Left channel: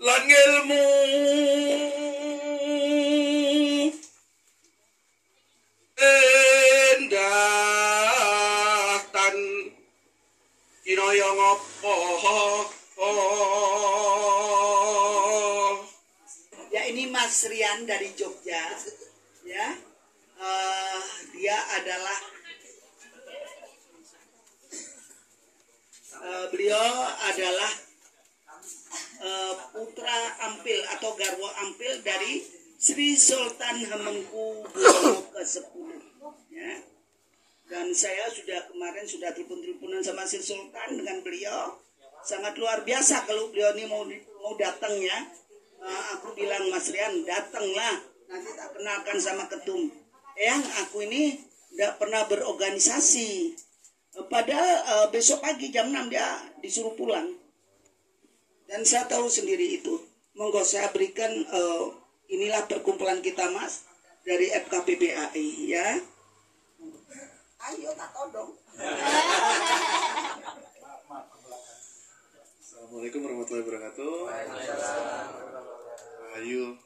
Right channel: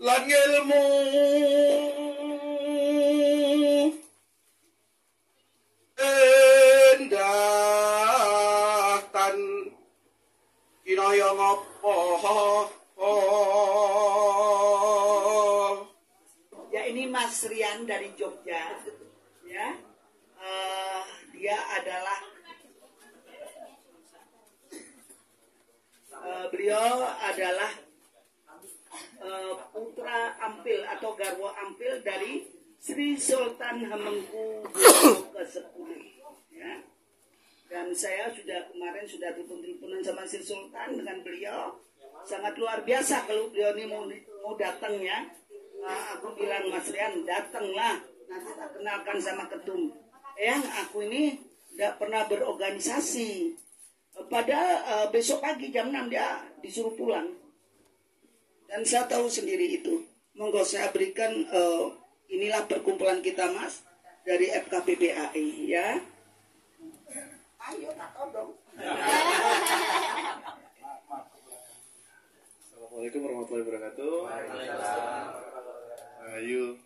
lan ilmu endah tan kinaya ngopo. Ya, ini Mas Rian dari Jogja, ya. Dia adalah beliau adalah putra Ampil atau garwo Ampil dari Sri Sultan Hamengkubuwono ke-10, ya. Dan saya kemarin sudah telepon-teleponan sama Sri Sultan dengan beliau, sangat luar biasa kalau beliau ini mau datang, ya. Aku bilang, Mas Rian, datanglah, nanti tak kenalkan sama ketum. Eyang, aku ini tidak pernah berorganisasi. Padahal besok pagi jam 6 dia disuruh pulang. Dan saya tahu sendiri itu. Monggo saya berikan, inilah perkumpulan kita, Mas, dari FKPPAI, ya. Ayo tak todong. Assalamualaikum warahmatullahi wabarakatuh. Rahayu.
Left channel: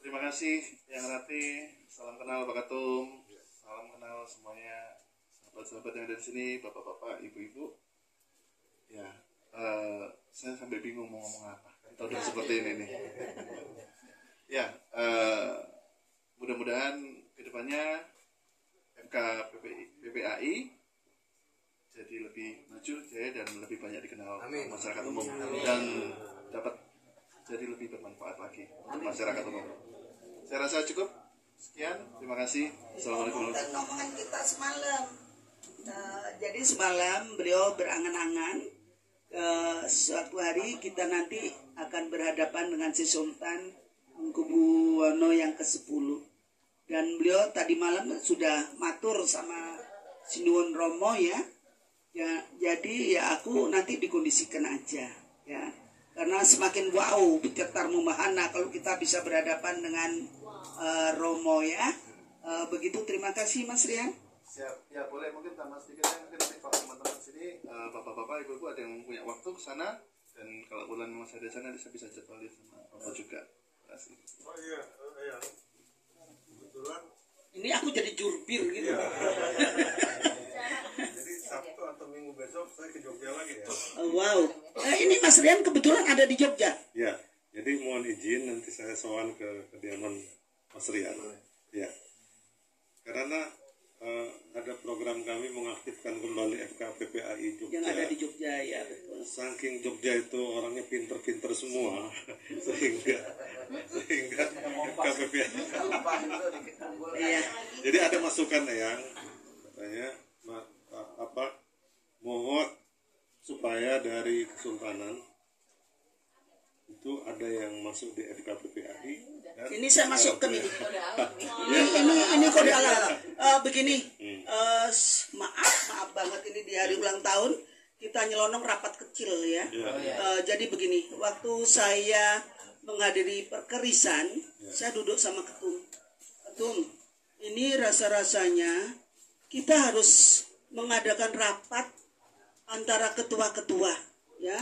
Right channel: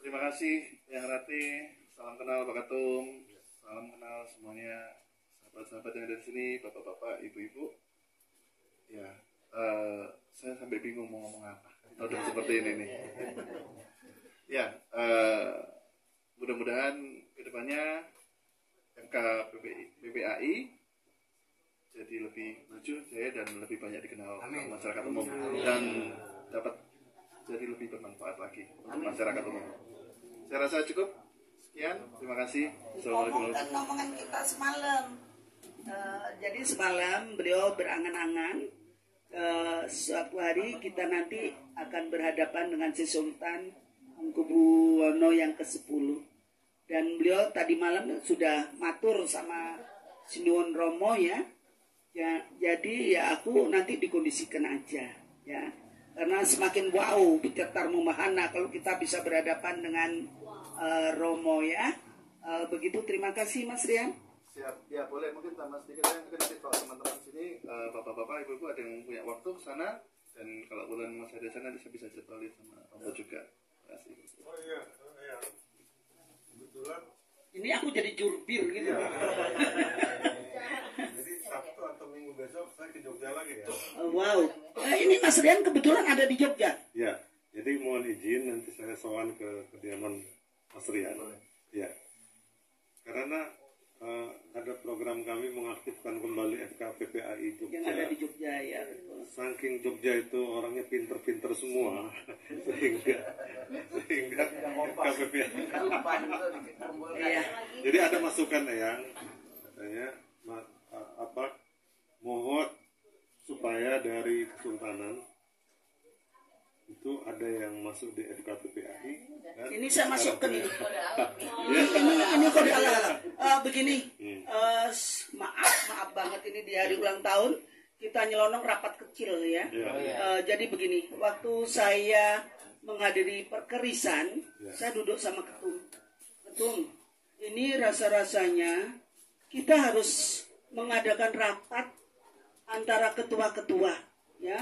Terima kasih yang rapi. Salam kenal Pak Ketum. Salam kenal semuanya, sahabat-sahabat yang ada di sini, bapak-bapak, ibu-ibu. Ya, saya sampai bingung mau ngomong apa. Udah seperti ini nih. Ya, mudah-mudahan kedepannya FKPPAI jadi lebih maju, jaya, dan lebih banyak dikenal masyarakat umum. Dan dapat jadi lebih bermanfaat lagi untuk masyarakat umum. Saya rasa cukup. Sekian, terima kasih. Assalamualaikum. Ngomongan kita semalam. Jadi semalam beliau berangan-angan suatu hari kita nanti akan berhadapan dengan si Sultan Hamengkubuwono yang ke-10. Dan beliau tadi malam sudah matur sama Sinuwun Romo, ya. Ya, jadi ya aku nanti dikondisikan aja, ya. Karena semakin wow, bercetar memahana kalau kita bisa berhadapan dengan Romo, ya. Begitu, terima kasih Mas Rian. Siap, ya boleh mungkin tambah sedikit ya. Mungkin nanti kalau teman-teman sini, bapak-bapak, ibu-ibu ada yang punya waktu ke sana, dan kalau bulan masih ada sana bisa jadwalin sama Om juga. Terima kasih. Oh iya. Kebetulan Ini aku jadi jurbir gitu. iya. Jadi Sabtu atau Minggu besok saya ke Jogja lagi, ya. Wow. Ini Mas Rian kebetulan ada di Jogja. Ya, jadi mohon izin nanti saya sowan ke kediaman Mas Rian. Ya. Karena ada program kami mengaktifkan kembali FKPPAI Jogja. Yang ada di Jogja, ya, betul. Saking Jogja itu orangnya pinter-pinter semua, sehingga FKPPAI. Iya. Jadi ada masukan yang katanya mohon supaya dari Kesultanan itu ada yang masuk di FKPPAI. Ini saya masukkan ini. Ini kode alam. Begini, maaf banget ini di hari ulang tahun kita nyelonong rapat kecil, ya. Jadi begini, waktu saya menghadiri perkerisan, saya duduk sama ketum. Ini rasa-rasanya kita harus mengadakan rapat antara ketua-ketua, ya.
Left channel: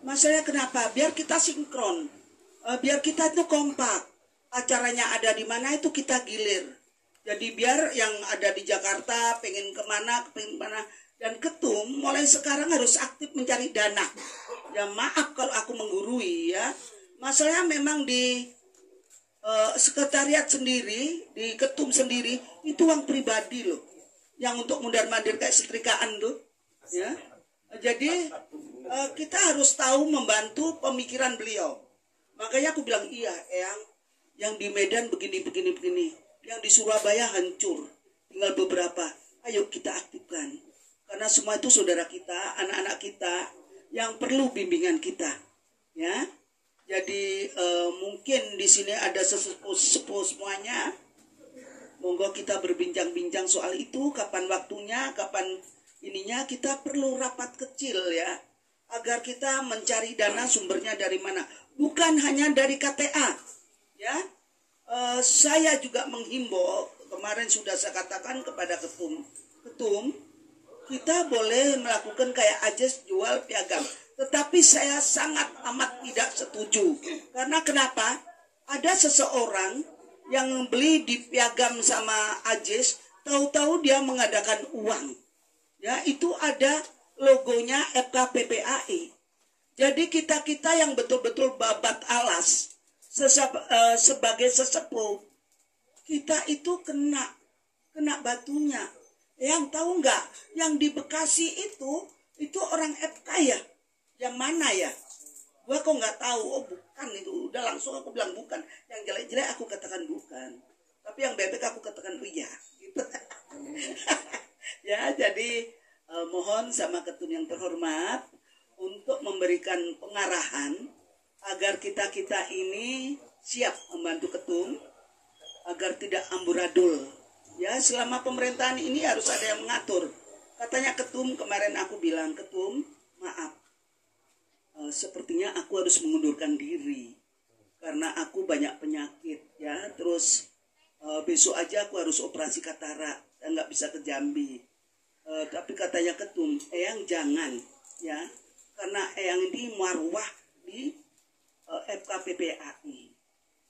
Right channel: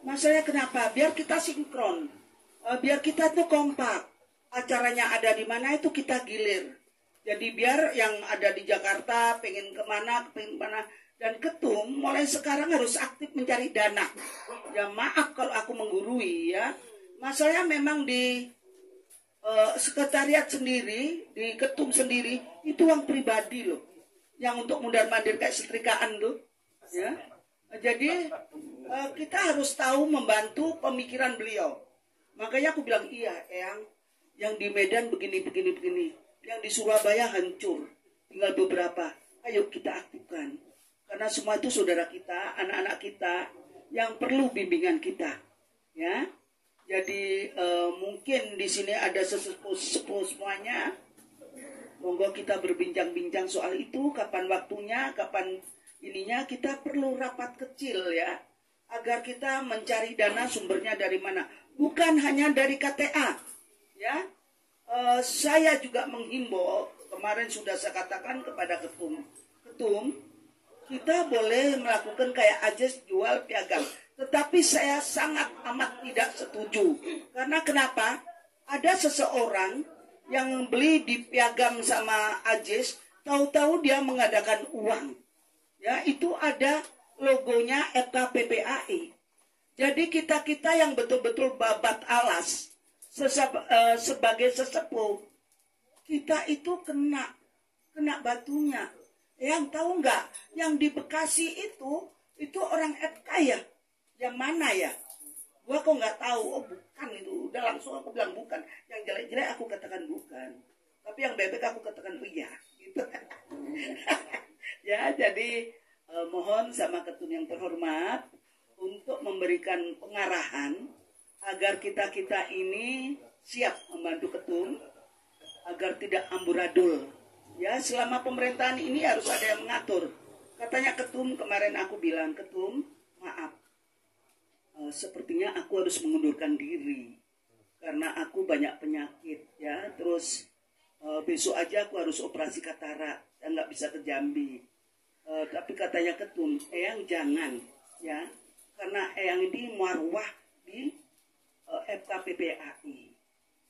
Masalahnya kenapa? Biar kita sinkron, biar kita itu kompak. Acaranya ada di mana itu kita gilir. Jadi biar yang ada di Jakarta pengen kemana, dan ketum mulai sekarang harus aktif mencari dana. Ya maaf kalau aku menggurui, ya. Masalahnya memang di sekretariat sendiri, di ketum sendiri itu uang pribadi loh, yang untuk mundar-mandir kayak setrikaan tuh, ya. Jadi kita harus tahu membantu pemikiran beliau. Makanya aku bilang iya, yang di Medan begini, yang di Surabaya hancur, tinggal beberapa. Ayo kita aktifkan, karena semua itu saudara kita, anak-anak kita yang perlu bimbingan kita, ya. Jadi mungkin di sini ada sesepuh semuanya. Monggo kita berbincang-bincang soal itu, kapan waktunya, kapan ininya. Kita perlu rapat kecil, ya, agar kita mencari dana sumbernya dari mana, bukan hanya dari KTA, ya. Saya juga menghimbau, kemarin sudah saya katakan kepada ketum, kita boleh melakukan kayak Ajes jual piagam. Tetapi saya sangat amat tidak setuju. Karena kenapa? Ada seseorang yang beli di piagam sama Ajes, tahu-tahu dia mengadakan uang. Ya, itu ada logonya FKPPAI. Jadi kita-kita yang betul-betul babat alas sebagai sesepuh, kita itu kena batunya. Yang tahu nggak? Yang di Bekasi itu orang FK ya? Yang mana ya? Gua kok nggak tahu. Oh bukan itu. Udah langsung aku bilang bukan. Yang jelek-jelek aku katakan bukan. Tapi yang bebek aku katakan iya. Gitu. Ya, jadi mohon sama ketum yang terhormat untuk memberikan pengarahan agar kita-kita ini siap membantu ketum agar tidak amburadul. Ya, selama pemerintahan ini harus ada yang mengatur. Katanya ketum, kemarin aku bilang, ketum, maaf. Sepertinya aku harus mengundurkan diri karena aku banyak penyakit ya. Terus besok aja aku harus operasi katarak dan nggak bisa ke Jambi. Tapi katanya ketum, Eyang jangan ya, karena Eyang ini marwah di FKPPAI.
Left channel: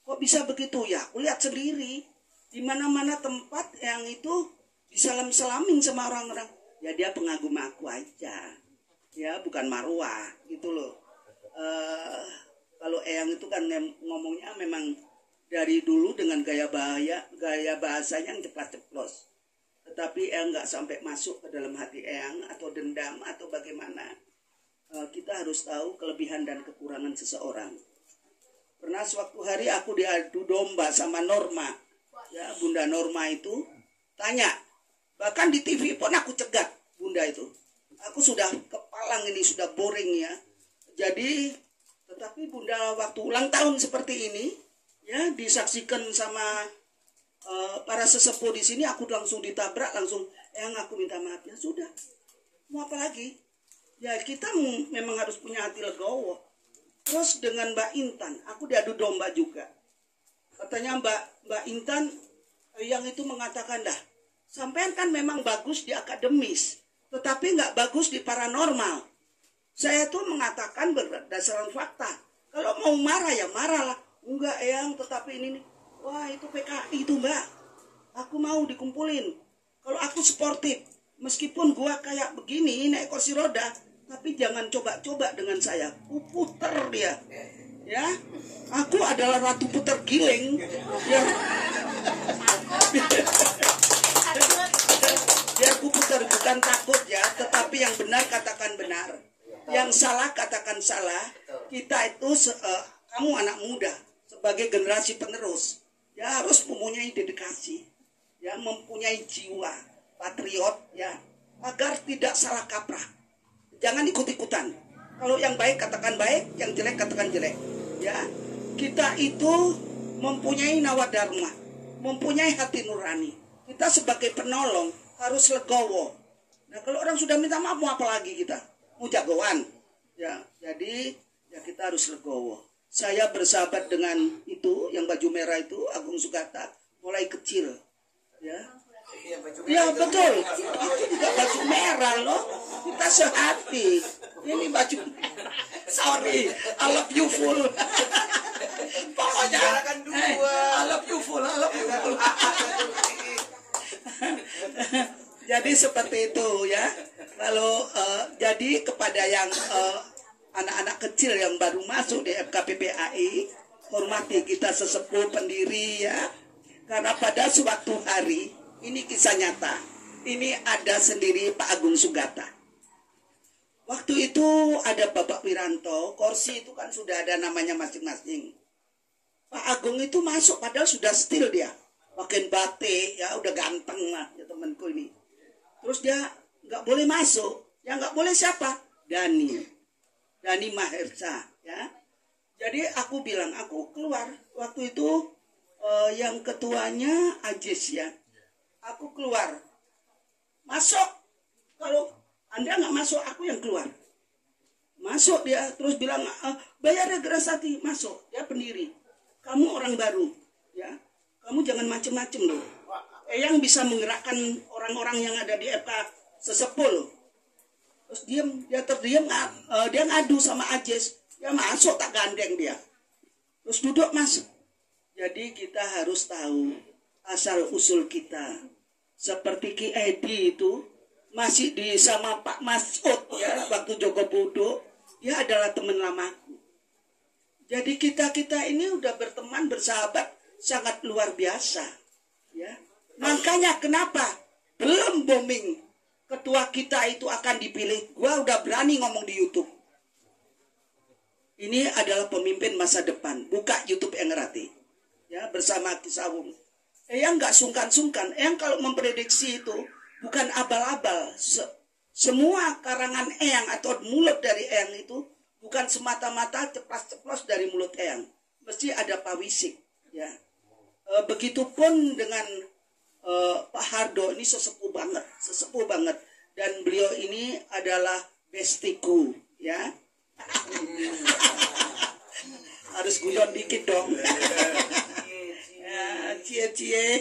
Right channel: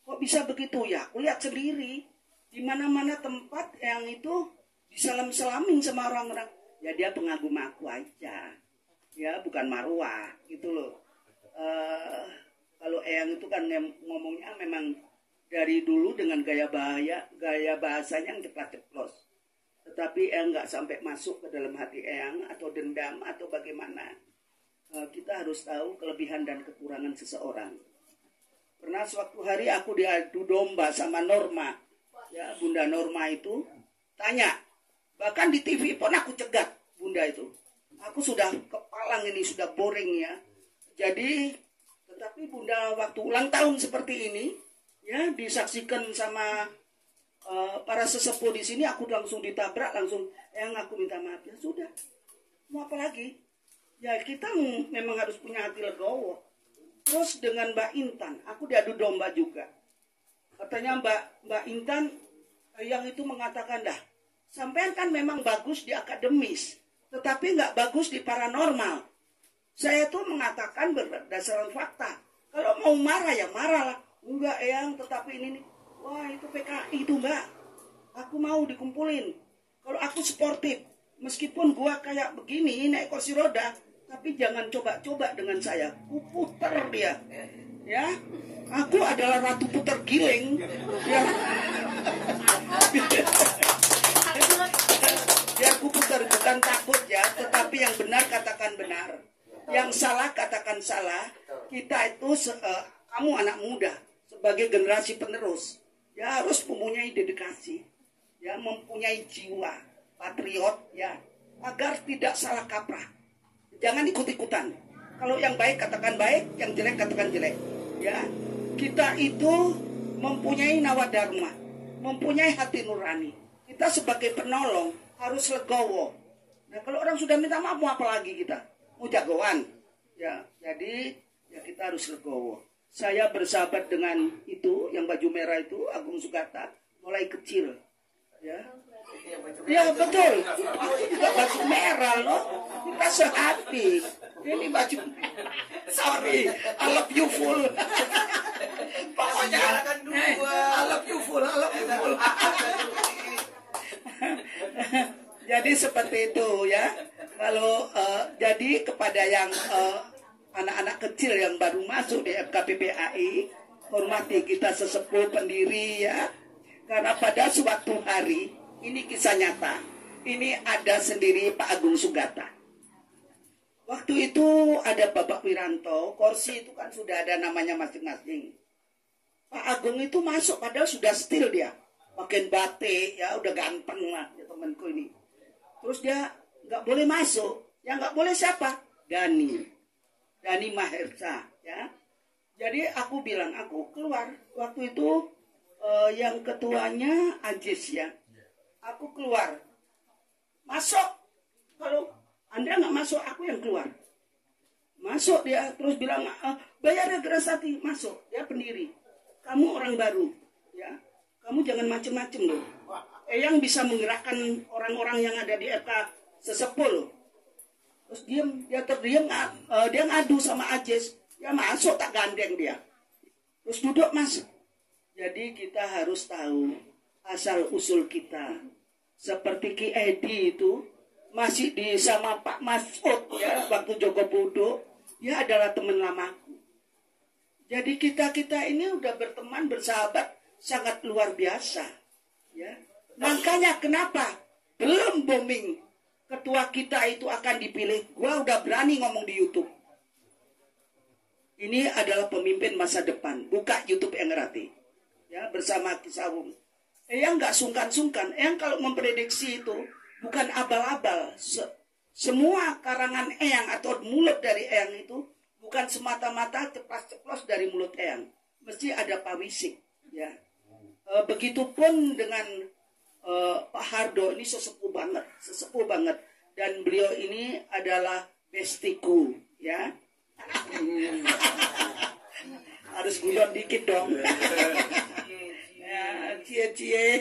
Kok bisa begitu ya? Aku lihat sendiri di mana-mana tempat yang itu disalam-salamin sama orang-orang. Ya dia pengagum aku aja. Ya bukan marwah gitu loh. Kalau Eyang itu kan ngomongnya memang dari dulu dengan gaya bahasanya yang ceplas-ceplos. Tetapi Eyang nggak sampai masuk ke dalam hati Eyang atau dendam atau bagaimana. Kita harus tahu kelebihan dan kekurangan seseorang. Pernah suatu hari aku diadu domba sama Norma. Ya, Bunda Norma itu tanya. Bahkan di TV pun aku cegat Bunda itu. Aku sudah kepalang ini, sudah boring ya. Jadi, tetapi Bunda waktu ulang tahun seperti ini, ya disaksikan sama para sesepuh di sini, aku langsung ditabrak, langsung, yang aku minta maaf. Ya sudah, mau apa lagi? Ya kita memang harus punya hati legowo. Terus dengan Mbak Intan, aku diadu domba juga. Katanya Mbak Intan yang itu mengatakan dah, sampean kan memang bagus di akademis, tetapi nggak bagus di paranormal. Saya tuh mengatakan berdasarkan fakta. Kalau mau marah ya marah lah. Enggak Eyang, tetapi ini, wah itu PKI itu Mbak. Aku mau dikumpulin. Kalau aku sportif, meskipun gua kayak begini naik kursi roda, tapi jangan coba-coba dengan saya. Puter dia. Ya, aku adalah ratu puter giling. Ya. Ya aku putar bukan takut ya, tetapi yang benar katakan benar, yang salah katakan salah. Kita itu kamu anak muda sebagai generasi penerus ya harus mempunyai dedikasi, ya mempunyai jiwa patriot ya agar tidak salah kaprah. Jangan ikut-ikutan. Kalau yang baik katakan baik, yang jelek katakan jelek. Ya kita itu mempunyai nawadharma, mempunyai hati nurani. Kita sebagai penolong harus legowo. Nah kalau orang sudah minta maaf mau apa lagi kita? Mau jagoan? Ya jadi ya kita harus legowo. Saya bersahabat dengan itu yang baju merah itu Agung Sugata mulai kecil. Ya. Ya betul. Aku juga baju merah loh. Kita sehati. Ini baju. Sorry, I love you full. Pokoknya I love you full. Jadi seperti itu ya. Kalau jadi kepada yang anak-anak kecil yang baru masuk di FKPPAI, hormati kita sesepuh pendiri ya. Karena pada suatu hari, ini kisah nyata. Ini ada sendiri Pak Agung Sugata. Waktu itu ada Bapak Wiranto, kursi itu kan sudah ada namanya masing-masing. Pak Agung itu masuk padahal sudah still dia. Makin batik ya udah ganteng lah ya temanku ini. Terus dia nggak boleh masuk. Yang nggak boleh siapa? Dani Mahersa ya. Jadi aku bilang aku keluar. Waktu itu yang ketuanya Ajis ya. Aku keluar. Masuk. Kalau Anda nggak masuk, aku yang keluar. Masuk dia terus bilang bayar Grasati. Masuk. Dia pendiri. Kamu orang baru ya. Kamu jangan macem-macem loh. Yang bisa menggerakkan orang-orang yang ada di sesepuh. Terus dia terdiam, dia ngadu sama Ajes, ya masuk tak gandeng dia. Terus duduk masuk. Jadi kita harus tahu asal usul kita. Seperti Ki Edi itu masih di sama Pak Masud ya, waktu Joko Budo, dia adalah teman lamaku. Jadi kita ini udah berteman, bersahabat sangat luar biasa ya. Makanya kenapa belum booming ketua kita itu akan dipilih, gua udah berani ngomong di YouTube. Ini adalah pemimpin masa depan. Buka YouTube Eyang Rati ya, bersama Ki Sawung. Eyang nggak sungkan-sungkan. Eyang kalau memprediksi itu bukan abal-abal. Semua karangan Eyang atau mulut dari Eyang itu bukan semata-mata ceplas-ceplos dari mulut Eyang. Mesti ada pawisik ya. Begitupun dengan Pak Hardo, ini sesepuh banget, dan beliau ini adalah bestiku ya. Harus guyon dikit dong. Cie.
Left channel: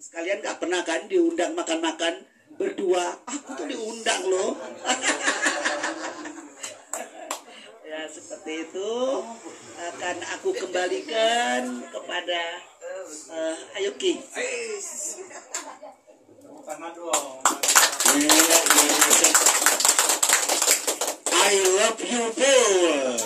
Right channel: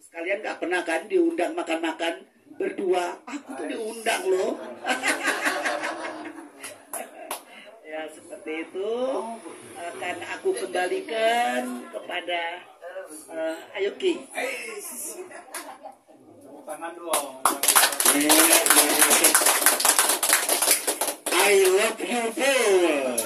Sekalian gak pernah kan diundang makan-makan berdua. Aku tuh diundang loh. Ya seperti itu. Akan aku kembalikan kepada Ayuki. I love you, boy.